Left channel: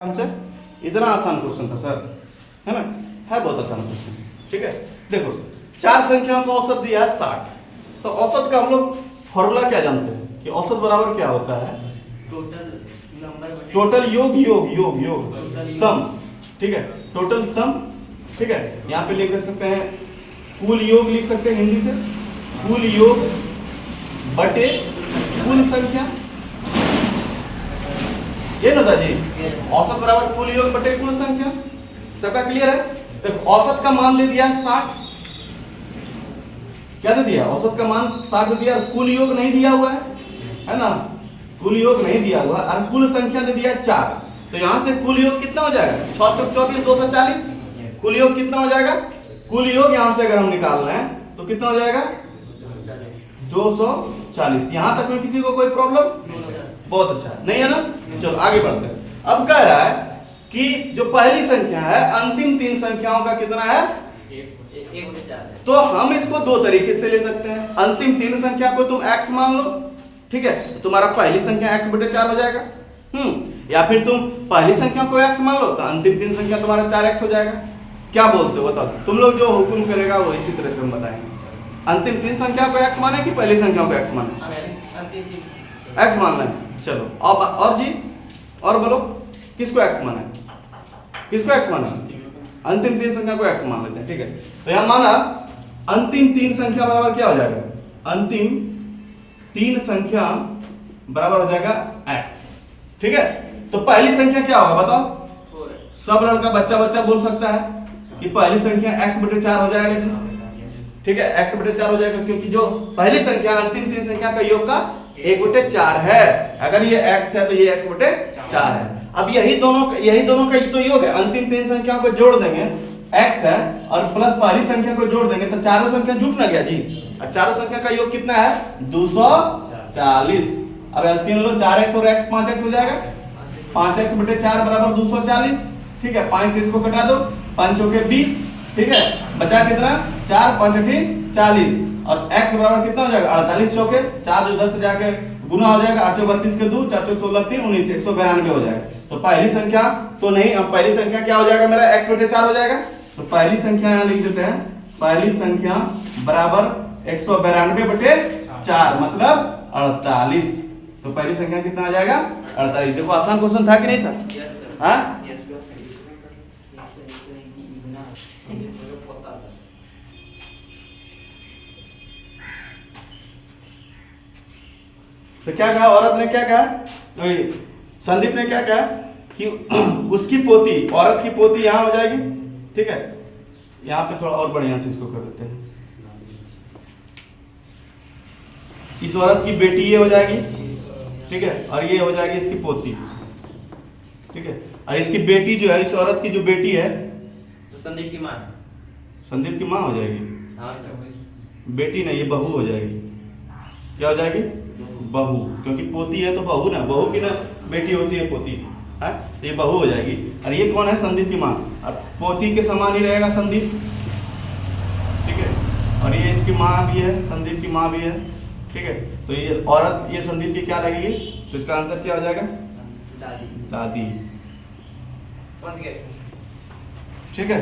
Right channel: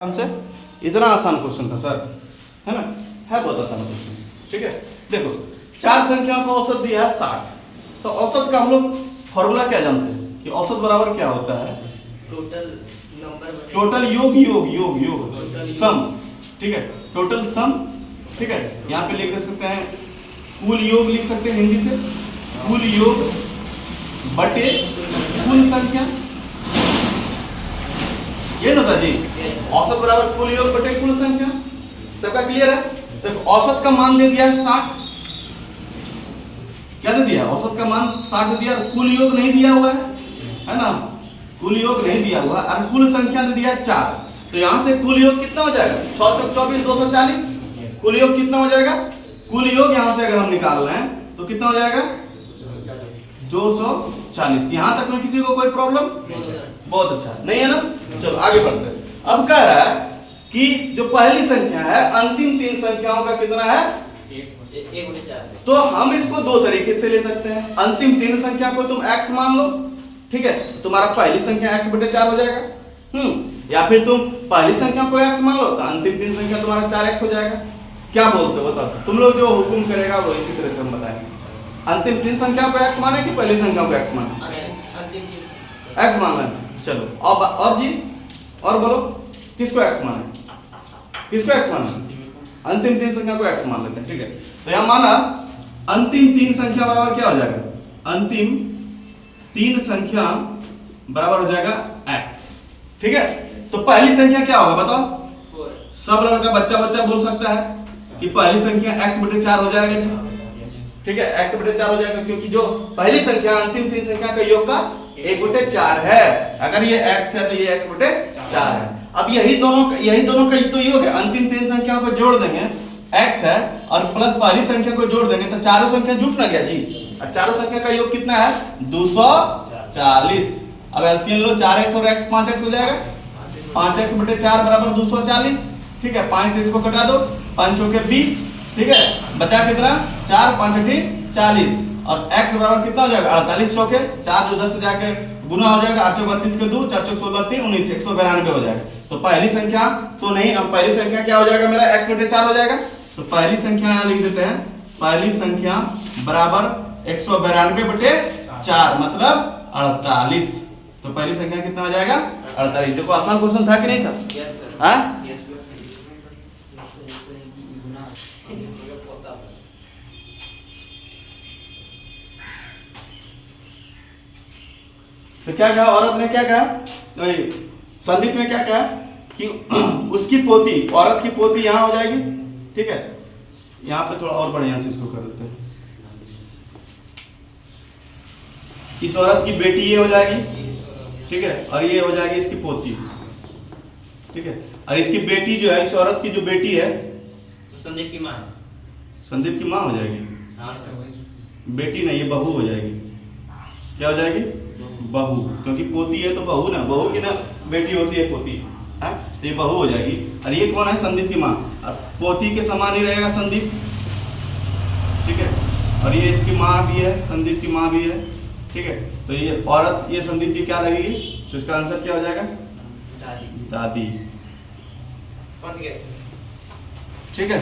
हमसे इतना आसान क्वेश्चन था सर, है ना, है बहुत आसान क्वेश्चन। ठीक है, देखो चार संख्याओं का औसत दिया है 60, तो औसत का हम लोग फॉर्मूला क्या जानते हैं कि औसत बराबर क्या होता है? टोटल योग योग योग योग सम। ठीक है, टोटल सम। ठीक है, यहाँ पे लिख सकते हैं कुल योग, लिख सकते हैं हिंदी से कुल योग बटे कुल संख्या, ये ना था जी। औसत बराबर कुल योग बटे कुल संख्या, सबका क्लियर है? तो औसत का मान दे दिया है 60, क्या दे दिया? औसत का मान 60 दे दिया, और कुल योग नहीं दिया हुआ है ना, कुल योग नहीं दिया हुआ, और कुल संख्या दे दिया 4। तो यहां से कुल योग कितना हो जाएगा? 6 चौक 24 240। कुल योग कितना हो जाएगा? कुल योग यहां से अगर हम निकाल रहे हैं तो कितना हो जाएगा? 240। यहां तक में किसी को कोई प्रॉब्लम? बहुत अच्छा, नहीं है ना? चलो आगे बढ़ते हैं। अब कह रहा है कि जो पहली संख्या है अंतिम तीन संख्याओं का कितना है? 1/4। तो हम इसको दो तरीके से ले सकते हैं। अंतिम तीन संख्या को तुम x मान लो, ठीक है, तो तुम्हारा पहली संख्या x/4 हो जाएगा। या फिर तुम पहली संख्या को x मान लो तो अंतिम तीन संख्या तुम्हारा 4x हो जाएगा। क्या बोलते हो बताओ? तुम लोग जो हुक्म करेगा वो इसी तरह से हम बताएंगे। अंतिम तीन संख्या को x माने कि पहली संख्या को x माने? x मान लें। चलो अब और जी, और बोलो किसको x माने? किसको x माने? अंतिम तीन संख्या को x मान लेते हैं। ठीक है, तो यहां माना अंतिम तीन संख्या बराबर क्या हो जाएगा? अंतिम तीन संख्या बराबर हो जाएगा x। ठीक है, तो पहली संख्या क्या होगा बताओ? 4। सब लड़का बच्चा बच्चा बोल सकता है कि पहली संख्या x/4 हो जाएगा जी। ठीक है, x/4 हो जाएगा, क्योंकि जो पहली संख्या अंतिम तीन संख्या का योग का 1/4 है। अगर ये x है तो ये x/4 है। अब यही दोनों का तो योग है। अंतिम तीन संख्याओं को जोड़ देंगे, x है और प्लस पहली संख्या को जोड़ देंगे तो चारों संख्या जुट ना गया जी, और चारों संख्या का योग कितना है? 240। अब एलसीएम लो, 4x और x 5x हो जाएगा। 5x/4 बराबर 240। ठीक है, 5 से इसको कटा दो, 5 चौके 20। ठीक है, बचा कितना? 4 5 40, और x बराबर कितना हो जाएगा? 48 चौके 4 जो 10 से जाके गुना हो जाएगा, 8 चौक 32 के 2, 4 चौक 16 3 19 192 हो जाएगा। तो पहली संख्या तो नहीं, अब पहली संख्या क्या हो जाएगा मेरा? x/4 हो जाएगा। तो पहली संख्या यहां लिख देते हैं, पहली संख्या बराबर 192/4 मतलब 48। तो पहली संख्या कितना आ जाएगा? 48। देखो आसान क्वेश्चन था कि नहीं था? हाँ, तो क्या कहा औरत ने? क्या कहा? संदीप ने क्या कहा कि उसकी पोती, औरत की पोती यहां हो जाएगी। ठीक है, यहां पे थोड़ा और बढ़िया से इसको कर देते हैं। इस औरत की बेटी ये हो जाएगी, ठीक है, और ये हो जाएगी इसकी पोती। ठीक है, और इसकी बेटी जो है, इस औरत की जो बेटी है तो संदीप की मां, संदीप की मां हो जाएगी। बेटी नहीं, ये बहू हो जाएगी। क्या हो जाएगी? बहू, क्योंकि पोती है तो बहू ना, बहू की ना बेटी होती है पोती, है, तो ये बहू हो जाएगी। और ये कौन है? संदीप की माँ, और पोती के समान ही रहेगा संदीप। ठीक है, और ये इसकी माँ भी है, संदीप की माँ भी है। ठीक है, तो ये औरत ये संदीप की क्या लगेगी? तो इसका आंसर क्या हो जाएगा? दादी। ठीक है।